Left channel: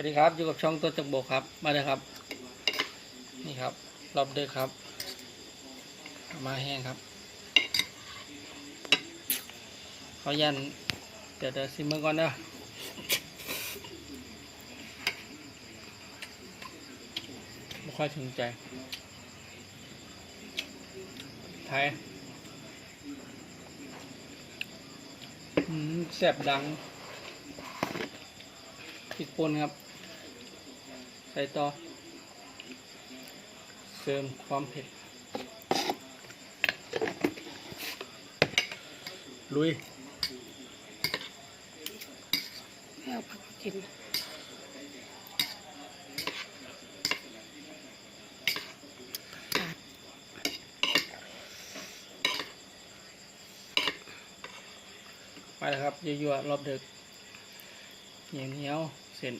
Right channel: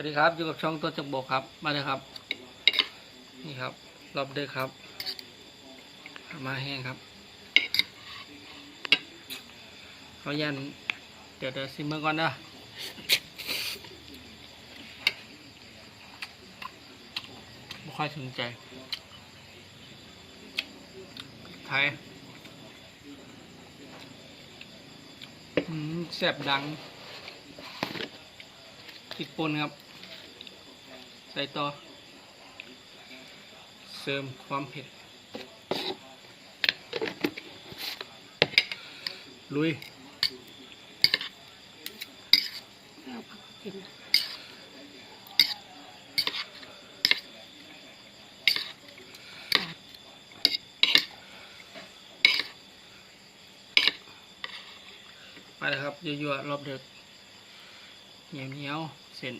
วัสดีครับอยู่กับช่องตัวจักบกครับมาเลยครับ นี่ครับรอบเด็กครับ มาแห้งครับเรายันเดี๋ยวเดี๋ยวซิมเมอร์ก่อนนะไม่ค่อยถึงใจไทยแสบดังพริกปนครับ ใส่ต่อ เสริมความเผ็ด ลุยกินมาเลยครับยั่วๆรอบเดึกเหนียวเหนียวๆเส้น